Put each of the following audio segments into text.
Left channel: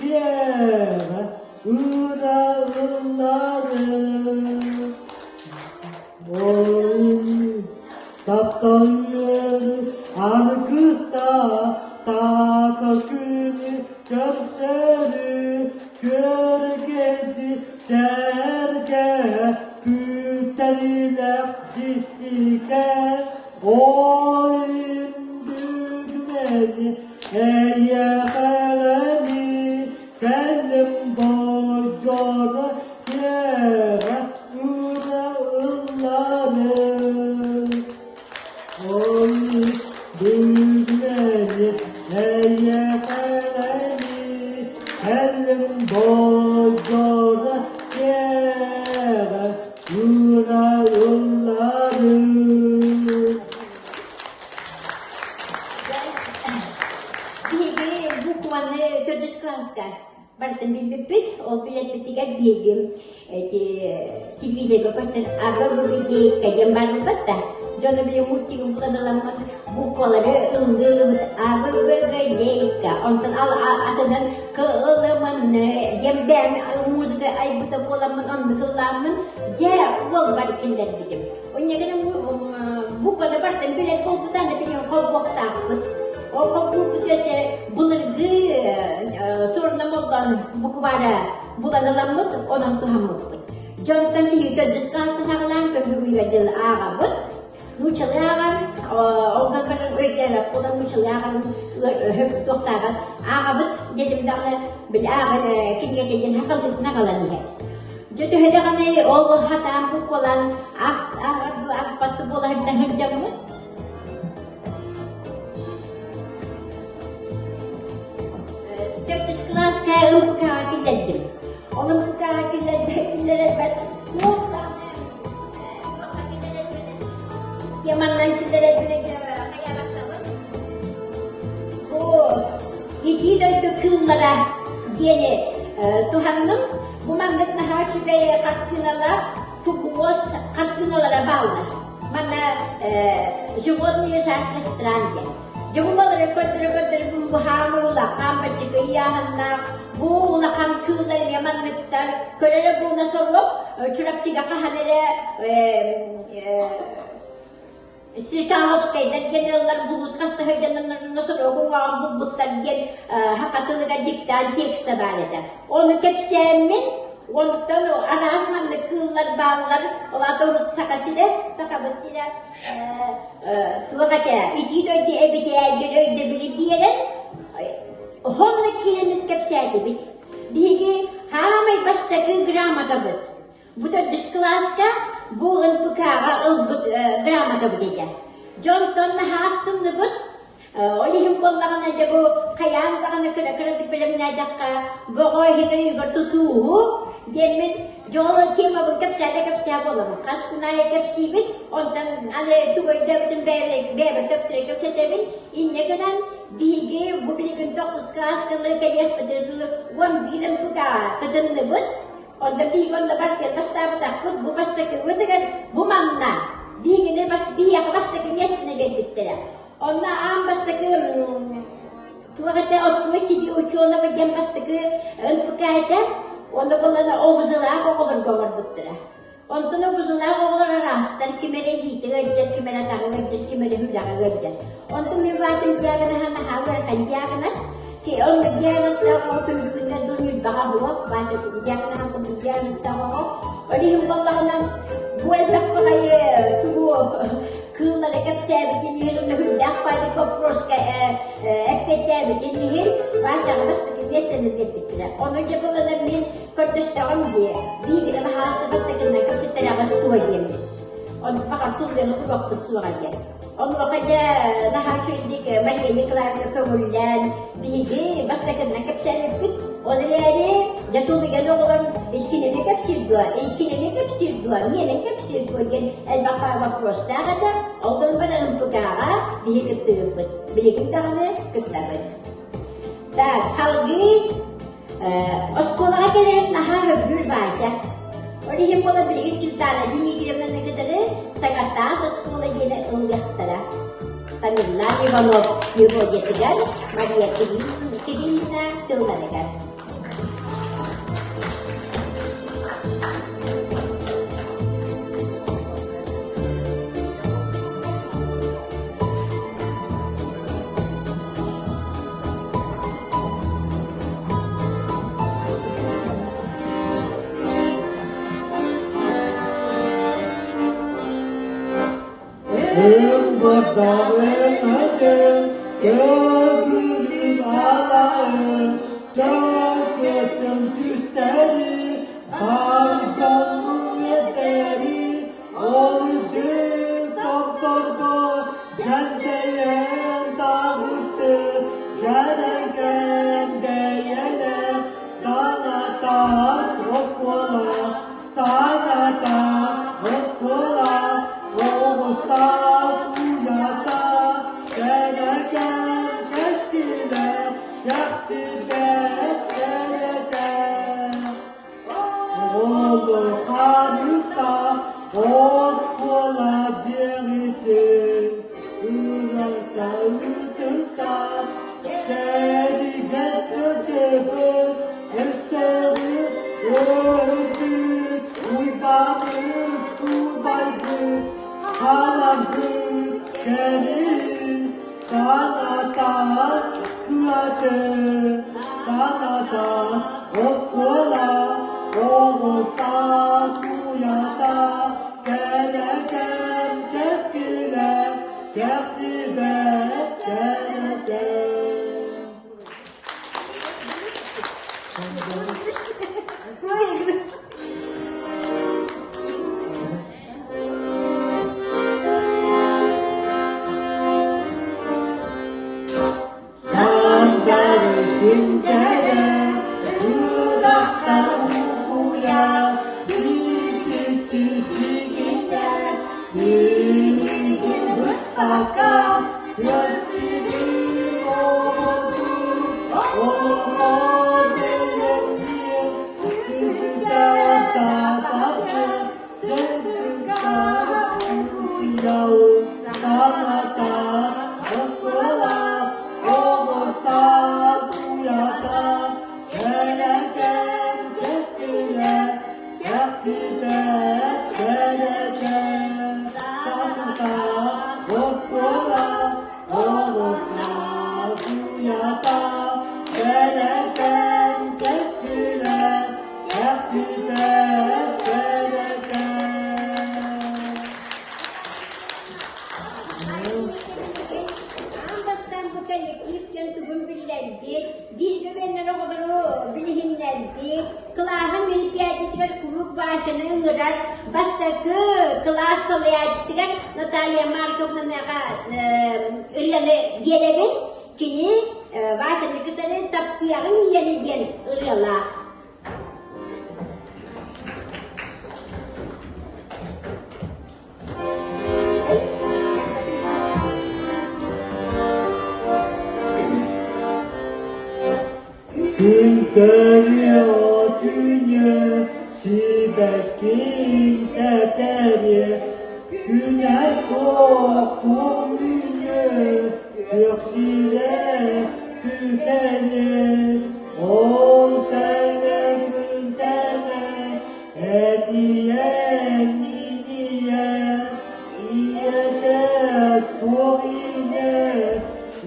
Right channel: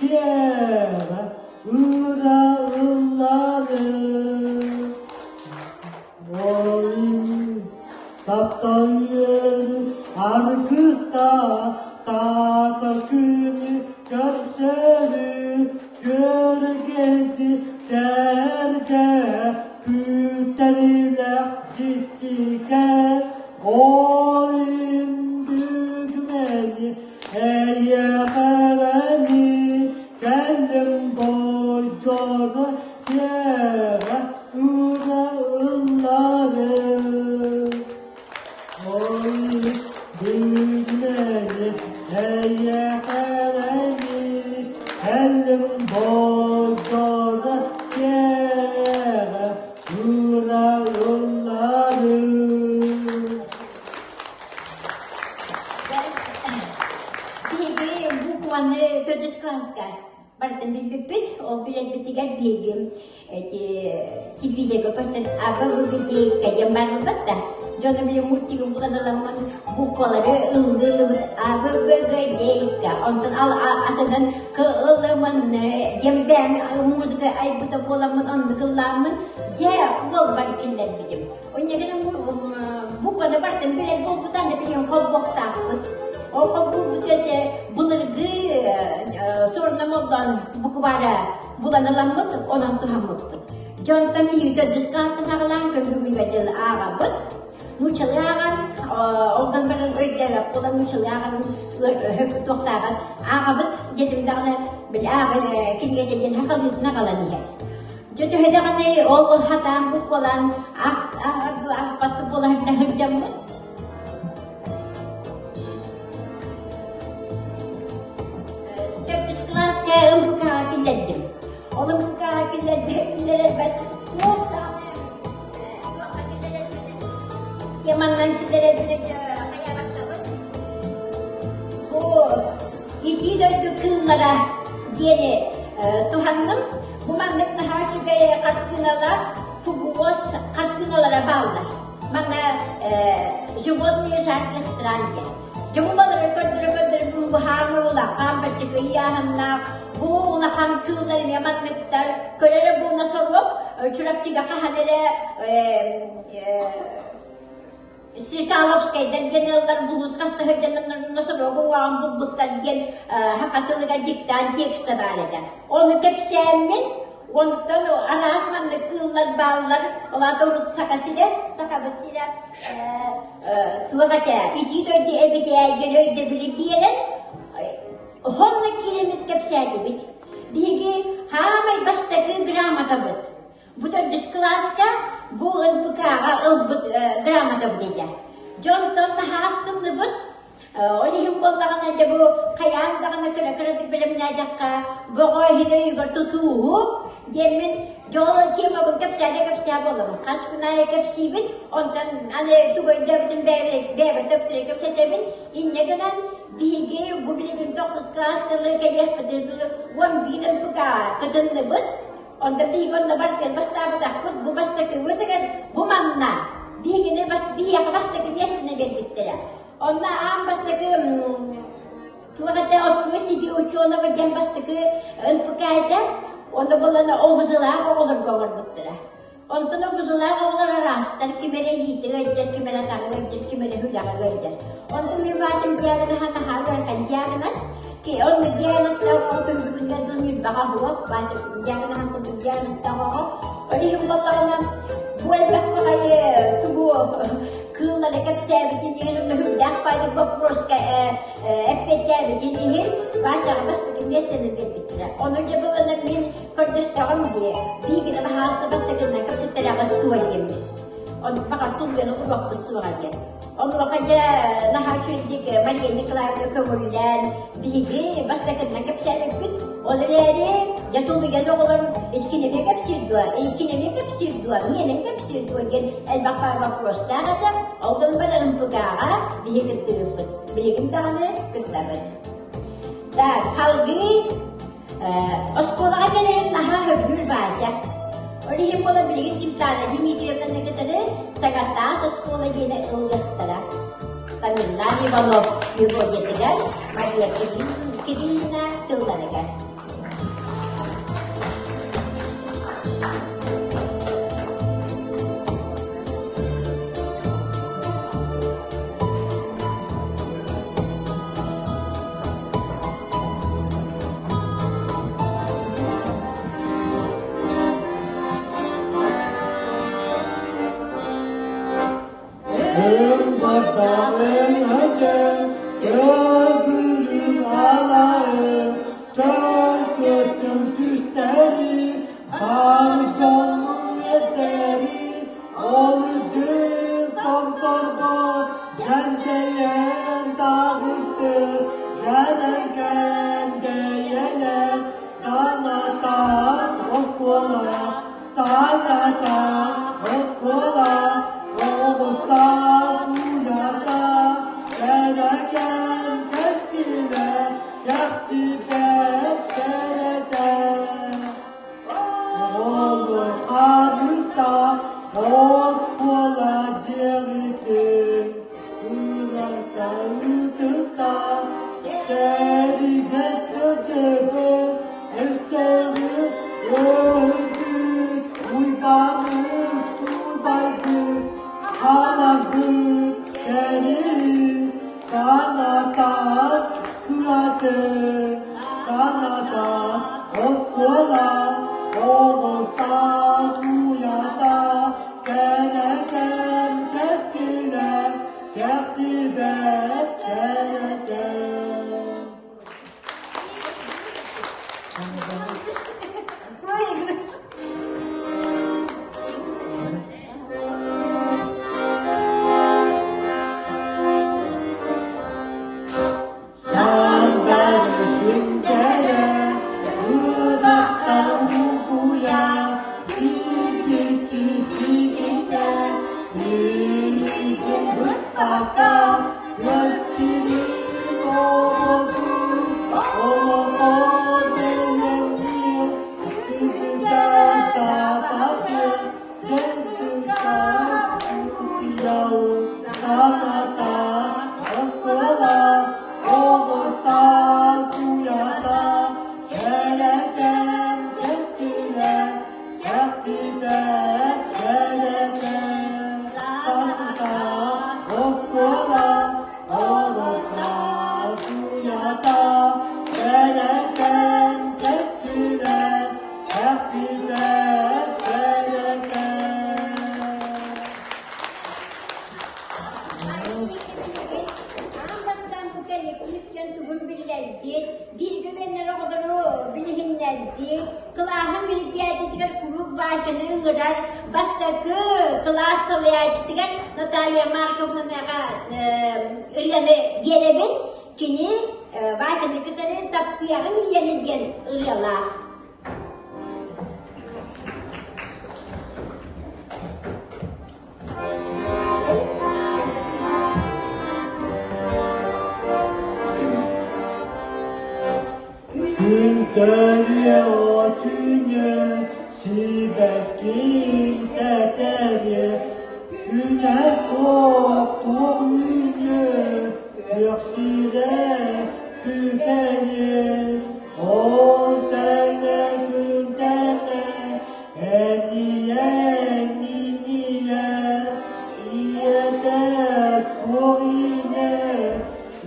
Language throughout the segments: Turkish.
kere ırağları oyun taptan yürü arkısta tasa günü görseri görgeti serge püteriyle ciddike oyun düğmeli eye kalemi kendim docara yere ırağları oyun düğmeli eye kalemi kendim docara yere ırağları. Berarti bibit, bilang ketiga bikin, TV saya berkata, agak berbeda kayak mana betul. Jangan bilang mesti bukan dalam buku ada agak berbeda. Antar ada dan kealaman jembem musik ay betul pola mengambil laman, jadi bukan berarti lagi. Punya kan buku ada berarti bilang buku tanda bilang kau takut. Kalau buku saja benar sorun namordan buku pada bukan dalam bentuk orang Tuhan bentuk. Contoh ini dari sekolah terang ke dunia dan Arab, munculakan orang berbeda, orang munculakan dokter Arab jadi negara berjalan kini jadi negara ini. Jadi hendak ada orang hatam bukulan apa tu bulan jam. Buka kizadim. Onun buka kizadim kizadim. Yamandan kizadim kayak apa? Oh, gigi de kıllara geri Tuhan'ın bunanlık daha çok katkılara, subos katkılara bağlı. Mana jumlah yaşarkıştırandı. Jumlah kadar bu hamurlar, kamber çıkıyahanlar. Bu nakam kızlar yaman netler, körere bu nasolup, çorap çıkaka habere Sirkalovskay'dan geneller buluz kasta hevdenler nasıl bu an bulutlar gen hakatılığa dikten tekste barede. Onu tepsemin ondan ana asmanlı kızlar bağlar, ola doğru sakasıyla sakabıtıyla kıvakata. İki döydü evde görevde bir yere 100 kilometre tepsiydi bit. Bilgi hamay bastaki gramada bit. Bu da dış klaska bu ılbukara ılbuk gramada bit. Jontonda hastımda bit. Olihim Allah'ın acaba bu kayan karana kırık bilimine dakika bu hidayı tutuğu yemin jol kim bu tepsiye olur. Kaskunaya tepsi bit. Ondan ane tuğay devletin beri tepsire tepsiye bit. İnce gelen Bilgi bu bilim dokuz kelas kalau kalian pada wan bilam puka kadang lebut, onda bilgi onda berarti basta takut bu basta kemudian dengan bu mana bilgi ni basta ke biasa ni begitu. Onda am basta ke tuh kata orang masih di ujung nama jam basta ke puka itu, onda boleh ovzlah orang gawat betul. Onda ovzlah orang rastar kimera lihat wajah kimera tangan wajah kimera hujah wajah. Onda memang dia kena Andianas, ki on Andianas tahu tu dunia bahabu, banyak dia kena hantu Andianas tahu. Jadi yang pertama, buat apa kaya tu kena dekat saya begini kan, dapat di popros ke FPT begini kan, masa lepas tu kita sedang berpikir. Orang jadi orang min kertas tahun dia, dia kena harus lepas tu kena kerja terang tu dia. Orang pakai tu dia tu buat pesuanya. Allah aja nah cuci ke mari ni kelak kemudian bigi basta kena kapsel pit oleh jatuh tiga orang ikin ni kapsel dua ni kapsel dua gen ay bakal prosta ada orang pada lumpukara bigi ketebet bigi kita ni ketebet dah hal ini sekolah ni nah harus berbahasa jadi yang kalau bigi cinta lagi ni kita ni kita ni sangat tas sekolah jadi enggak Lari kalau dia kerja tegas, mereka kiri kita tu mereka. Gördüğüm alayım, dört küsteri, dar canım yeteri, oldu doktordu, genceyen dağıstı, gereken değerler, sana da rostkola, sana da rostkola, Oğuz'da suyada, gereken keşkiler, yaktibet gereken. Oğlu karısta, Oğuz'la ceritin, Irak'ta ıtıkta, seni besledim, eşkeri öldü, uydanır subaydı, Ağladı seni, sana da kıyadı, sana da yoktular, olursa kuyada, gereken keşkiler, kertibet gereken. Anlastan bu kolektif kendi bülbüllerdi, dil güvenlere kadar o bilhinlerdi, kılahın bilip yerdikler kuruk başını ıngırar, baştaki kılah salayacıdılar, Natalya Markovna'nın ıryanı diyenebil, kini başını kıtarı taptıyarın yeni diyen ıryalar. Günteri atünye, sibetin eteri, güne soktum ünye, göksile küteri, ol tene güntene, hediye niniye, iyede sorine,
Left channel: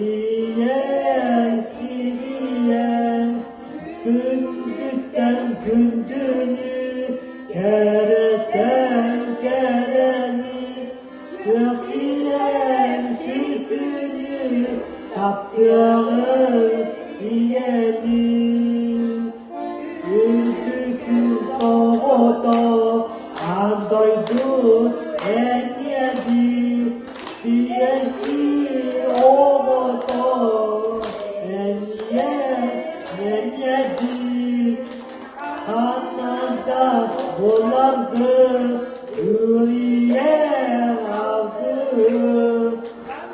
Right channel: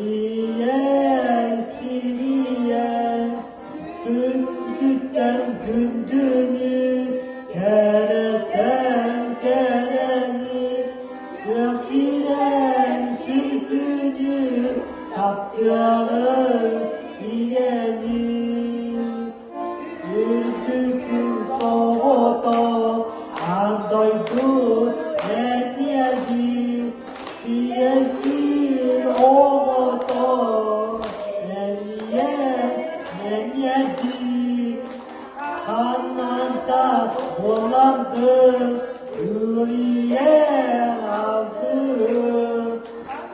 iye siniye, gündükten gündünü, kereten kereni, göksilen sürgünü, kaptığı iyeni. Ürkükün soğuda, andoydu en yedi, diyesin oğuda, en yedi. Ananda olandı, ürüye aldı,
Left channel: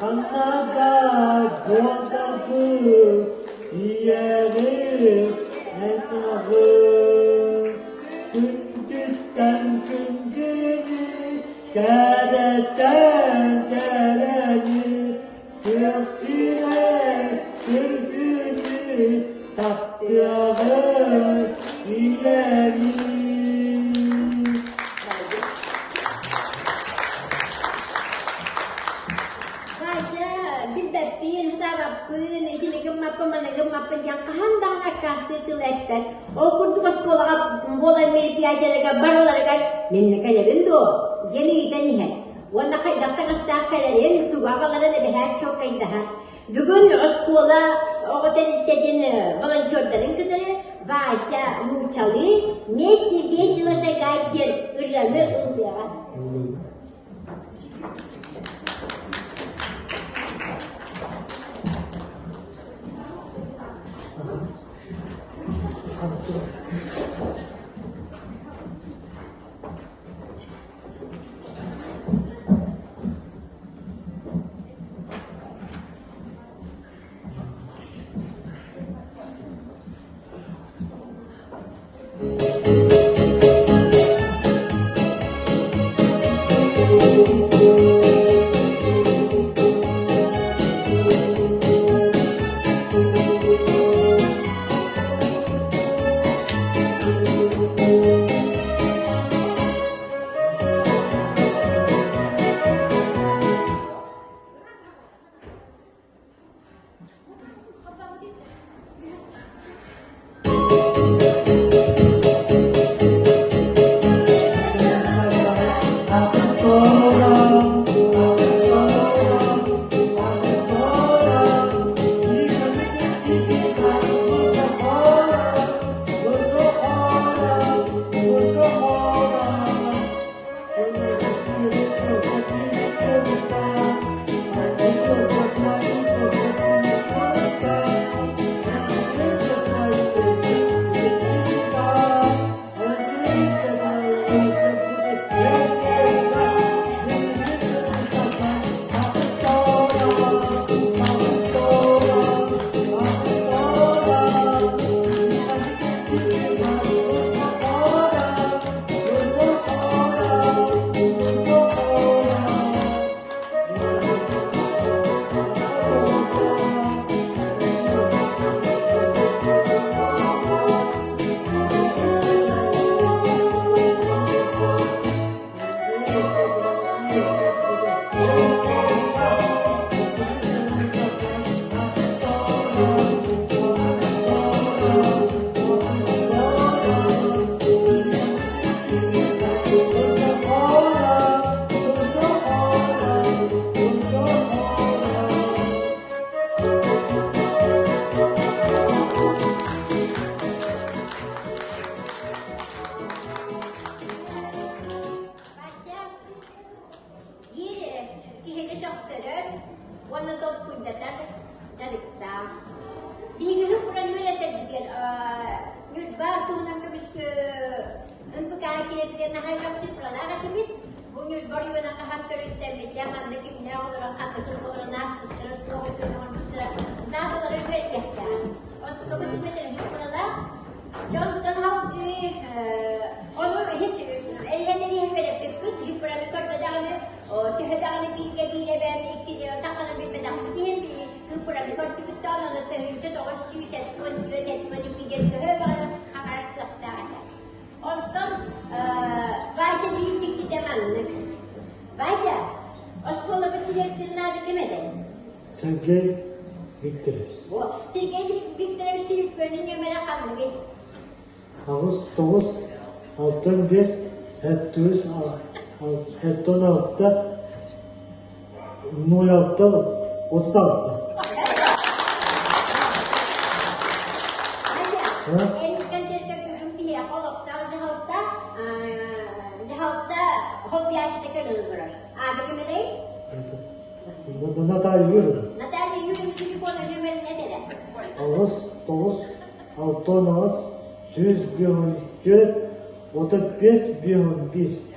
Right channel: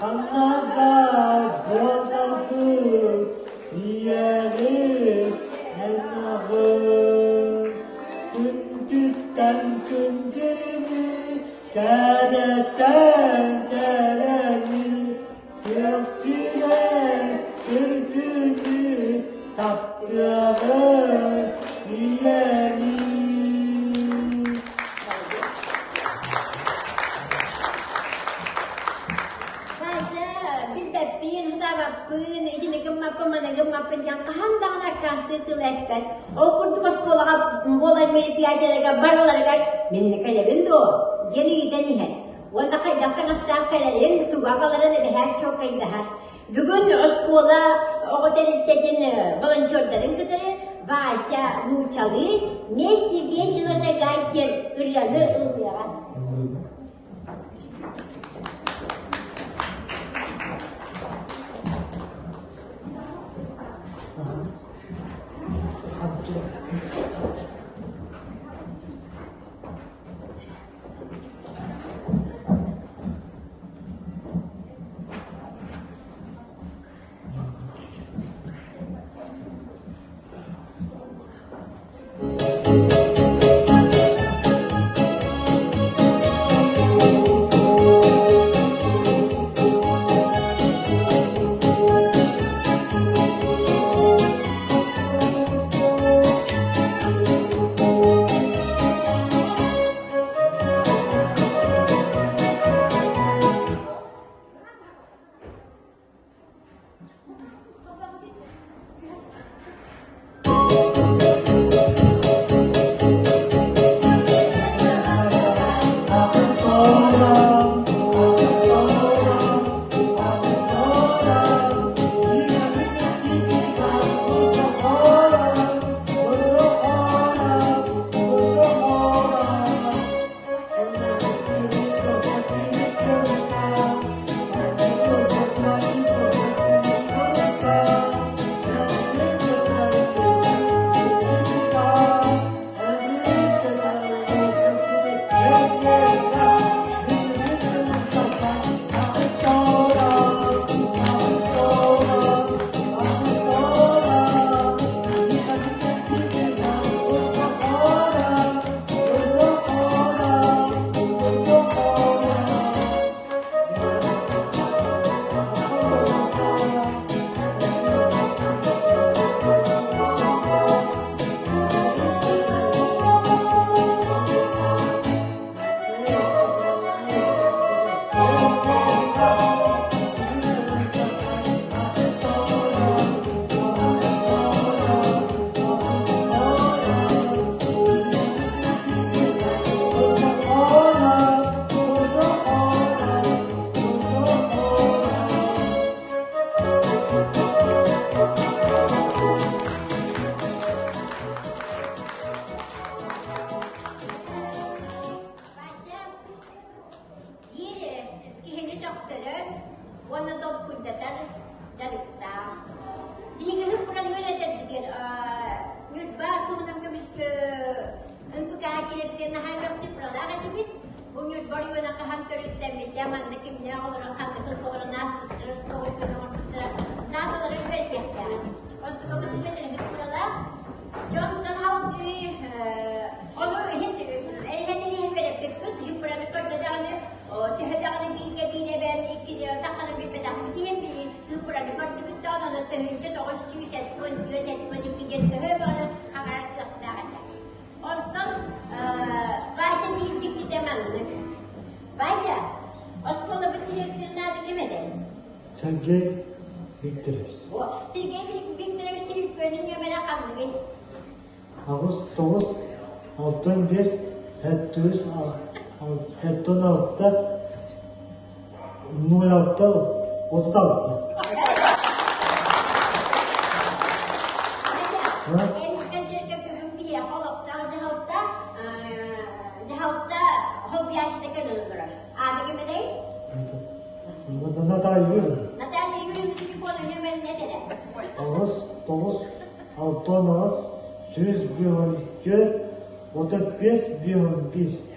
ananda olandı, yeri en ağır. Gündükten gündünü, dereden dereni, göksüne sürdüğünü, kaptığı ileri. Saya bilbettin hudavappın içine gımmappın gımmappın yakkan dağına kastı tülekten. O kurtumas bolan meri piyacalara baralara minne kayabın do. Gene gideni her. Wanda kay dakta kasta kayalın tuga kalana da bir her çok kaydı her. Bugün oskola o otel istediğin volontörlerin kıtırı Vaysa Nurçalı ne istediği sırasa gayet ıryanı ılyaran. Sergey Viktorov. Sergey Viktorovich Tripö'nün yemene kaldı. Ağustos 65 76 06 36. En kancerka gülüm diye koloktan cihalta hobiyaçta kölünür. Abi gibi değil? Natalya Yürü. Natalya yürümü telefonu yemeli ne dedi? Ağustos 6 112 35 11.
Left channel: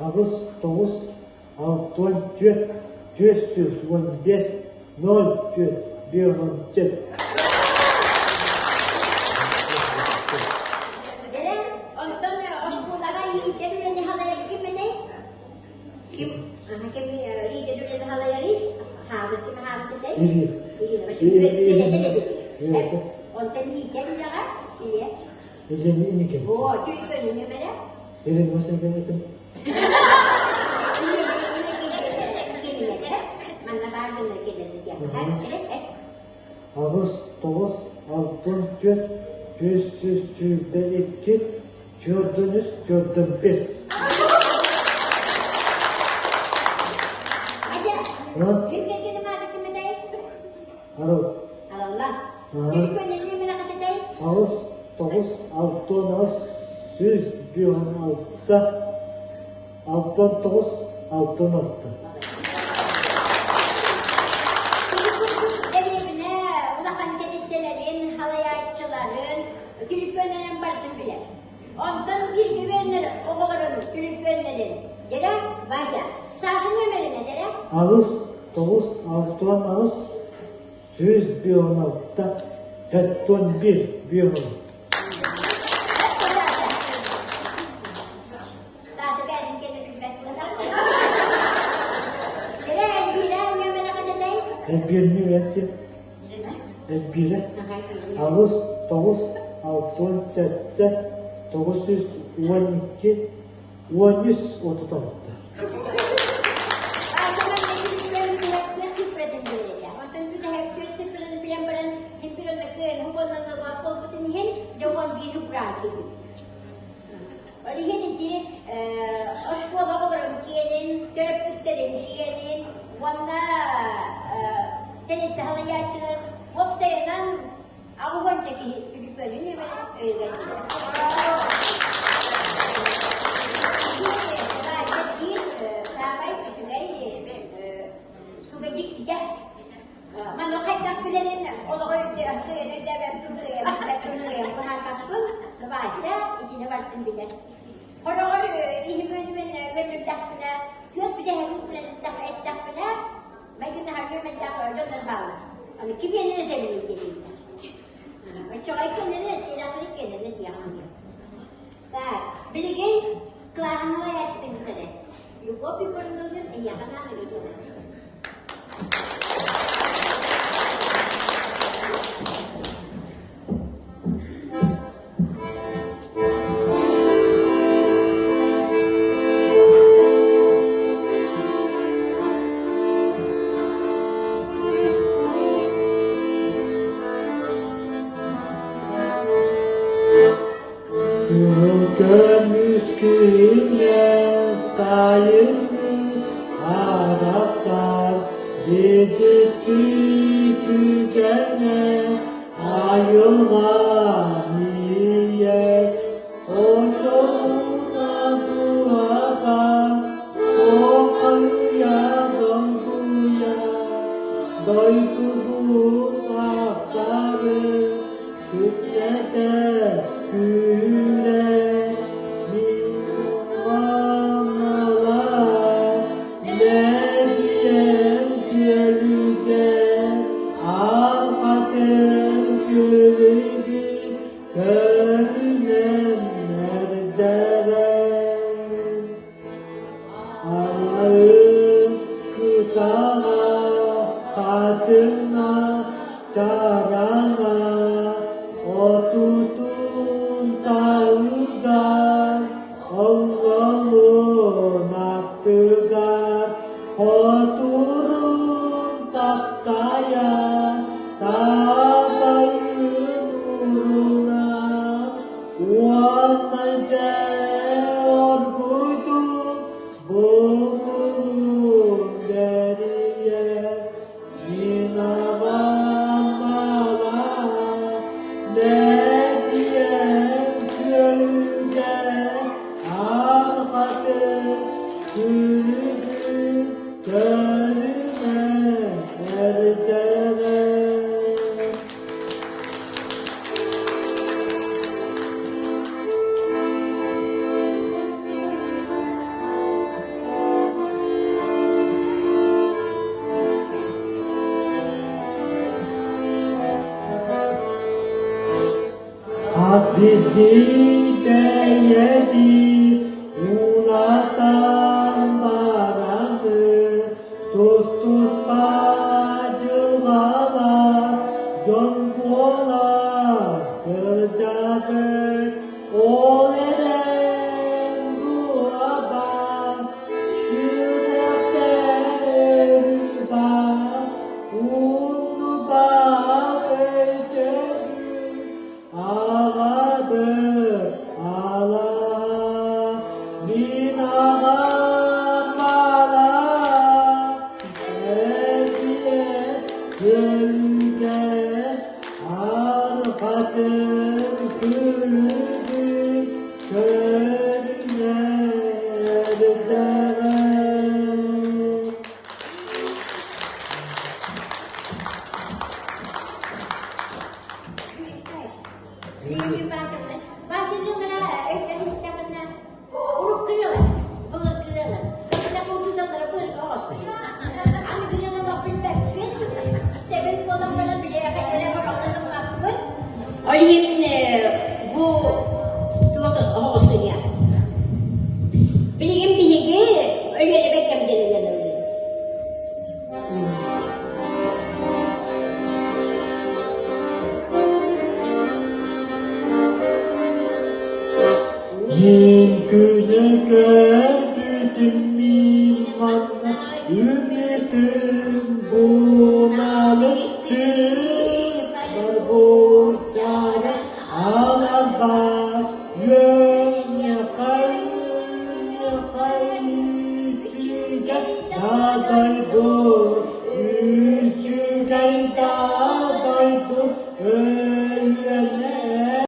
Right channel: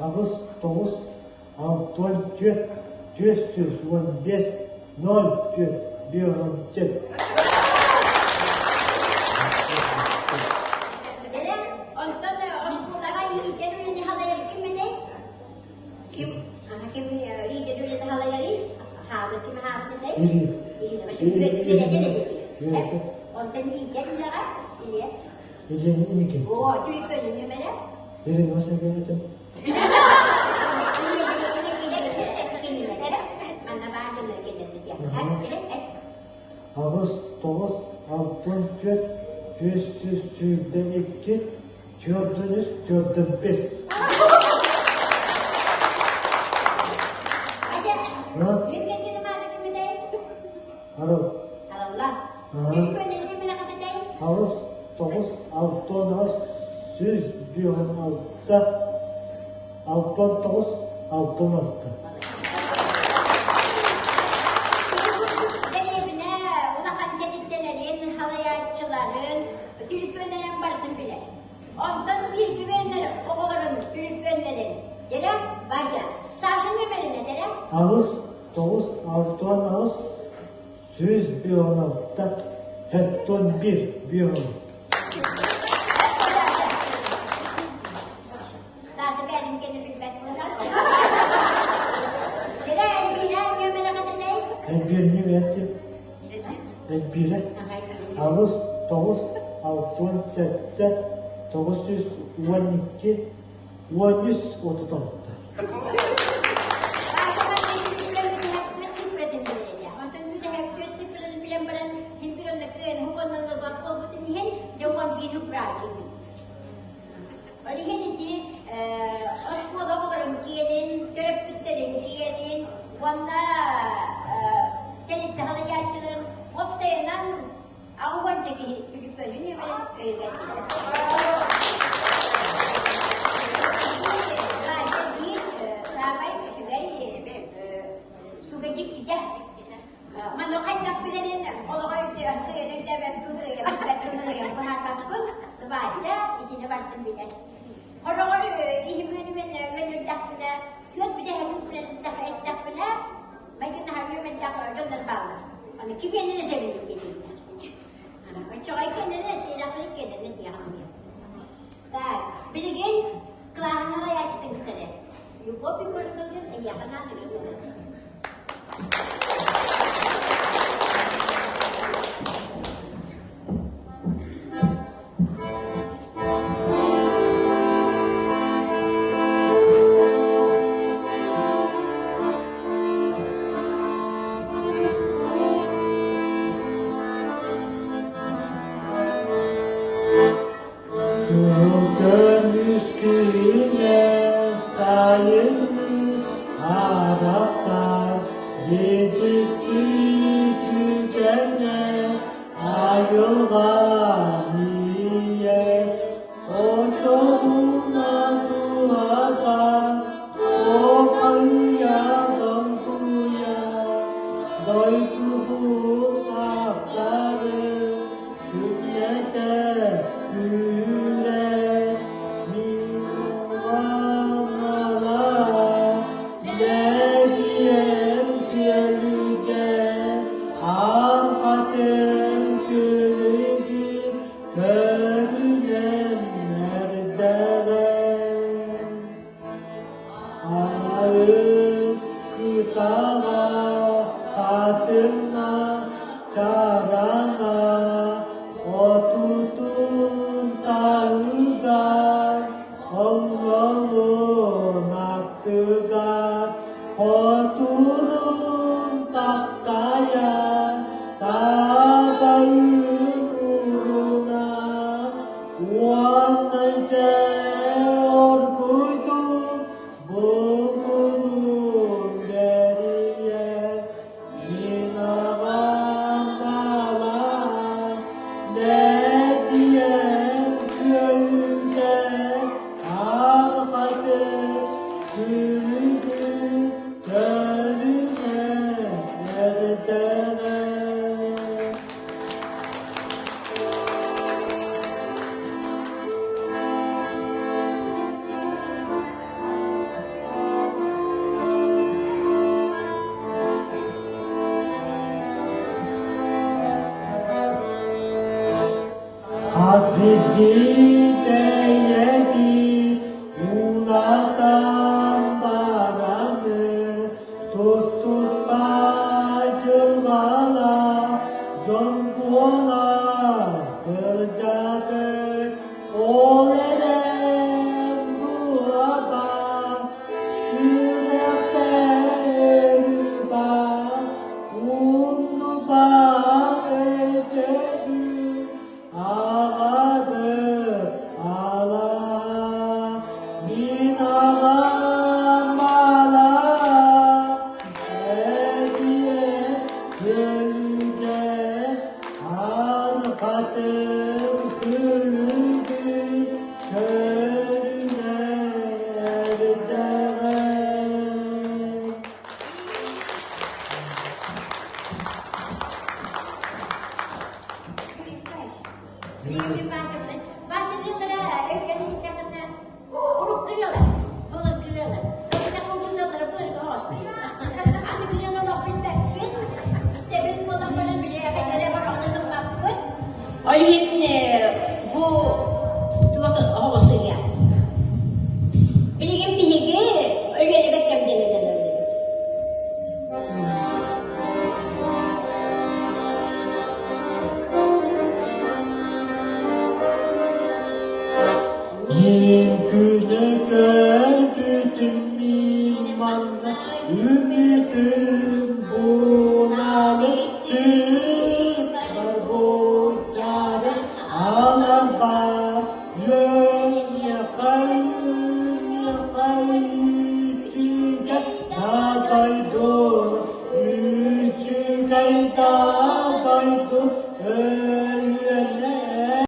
Ağustos 9, 64, 415, 04, 14. Dede, ondan oskulaha iyi dedülerini halayları kim ede? Kim? Kim iyi dedülerini halayları? Habis kim habis ede? İyi. Ondan iyi dedülerini iyi. Ini kan. Oh, jadi kau ni mana? Ini masa itu. Ini mana bahagian lagi dia. Ağustos, altın, göt, 522, gördünüz, gördüm biz. Asyik. Ha? Mungkin kita mana kita dah? Harap. Allah. Jadi kau ni mana kita dah? Ağustos, altın, 116, altın, altın, altın. Jadi bina unakan dediklerin, halayatçıların, Türkmenlerin barıtın bile. Ondan bir güvenler, oğulların, Türkmenlerin. Dere, başa, saçın ömerine dere. Ağustos, altın, 116, 41. Nasıl benim kendi bilmek bunlar? Dere, bilen gömene kasadayım. Ezberimi verdi. Ezbere. Ağustos, altın, 912, 136. Manokay na pinanin, oloy tirang tirin na pagkukuya, pagkukuya, pagkakapag, nabasa, itinawartin bilan. Or, ihibin ganun dak na, yun pinahagin po na dak pala, may kinahagin mo dak or doon nagbala. Ano, kibyan nila din yung kinin. At saka ikaw na nila, tinakalik ka na tiyak mo yan. Binigin, klahan na layak sa tingin tala. Yung kopi ko lang doon, iyakan natin ito. Yolda miskine sayını arasar, gidikti tükene ayılar niye? Ortalığa duvarda, o kıyıdan kıyıya, doyduğum ahtarı, kütlede güle, Allah'ın attılar, oturun tahtaya, dağdayın uğruna, uyanınca orkuydum, buldum geriye, inanam bana, ne diye gönülde, arfatı, gülüdü, gönlüme, erdene. ümidim bunalisi berbicara alaba ya kayıcıge dadaydu ücüge dadaydu